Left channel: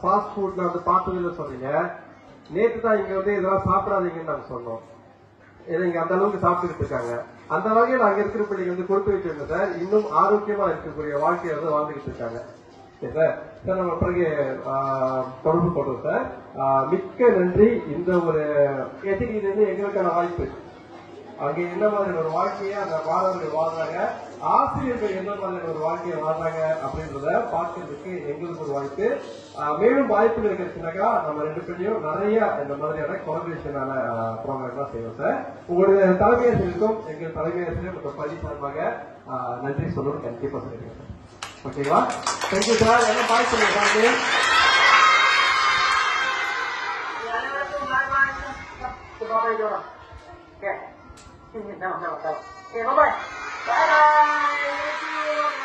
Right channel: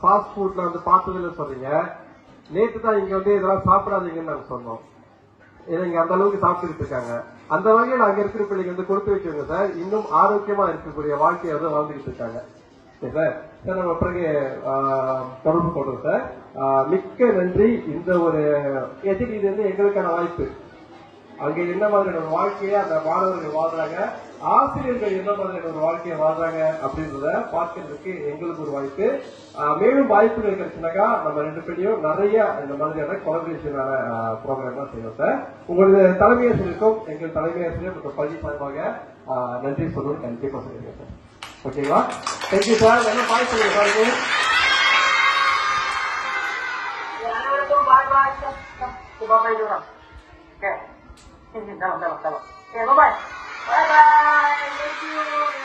Fast ஃபுட்ல வந்து பார்த்ததில்ல சொல்றீங்க. நேற்று தான் இங்க வந்து இதெல்லாம் சாப்பிடாதீங்கன்னு நாங்க சொன்னோம். ஏன்னா இங்க அந்த அளவுக்கு சாப்பிட்டுட்டு இருக்காங்க. அந்த வகையில் அங்க இருக்கிற பிள்ளைங்க வந்து கொடுத்து வச்சுருங்க சார். இன்னும் ஆரோக்கியமா இருக்கக்கூடிய வாழ்க்கையை வந்து வாழ்ந்துகிட்டு இருக்காங்க. சார் நம்ம பிறகு தொடர்பு கொள்றோம் சார். மிக்க நன்றி. இந்த ஒரு இது வந்து எங்களுக்கான வாய்ப்பு. அங்க என்ன மாதிரியான ஒரு வாழ்க்கையை அந்த மாணவர்கள் வாழ்றாங்க, ஆசிரியர்கள் என்ன மாதிரியான ஒரு வாழ்க்கையை வாழ்றாங்க அப்படின்றத பார்க்கறதுக்கு எங்களுக்கு ஒரு வாய்ப்பு. மேலும் வாய்ப்புகள் கிடைச்சுனாக்கா நம்ம ரெண்டு பேரையும் நிறைய இந்த மாதிரியான கொலபரேஷனான ப்ரோக்ராம் தான் செய்வோம் சார். உங்களுடைய தலைமை ஆசிரியருக்கும் எங்கள் தலைமை ஆசிரியர் மற்றும் பள்ளி சார்பாக நன்றி சொல்லணும்னு கண்டிப்பா சொல்லிடுங்க சார். ஓகேங்களா? Thank you sir. என்ன பாய் சொல்லுங்க பாருங்க. Bye-bye dorang. Okay. Dalam. Okay, bye-bye. Bye-bye. Thank you.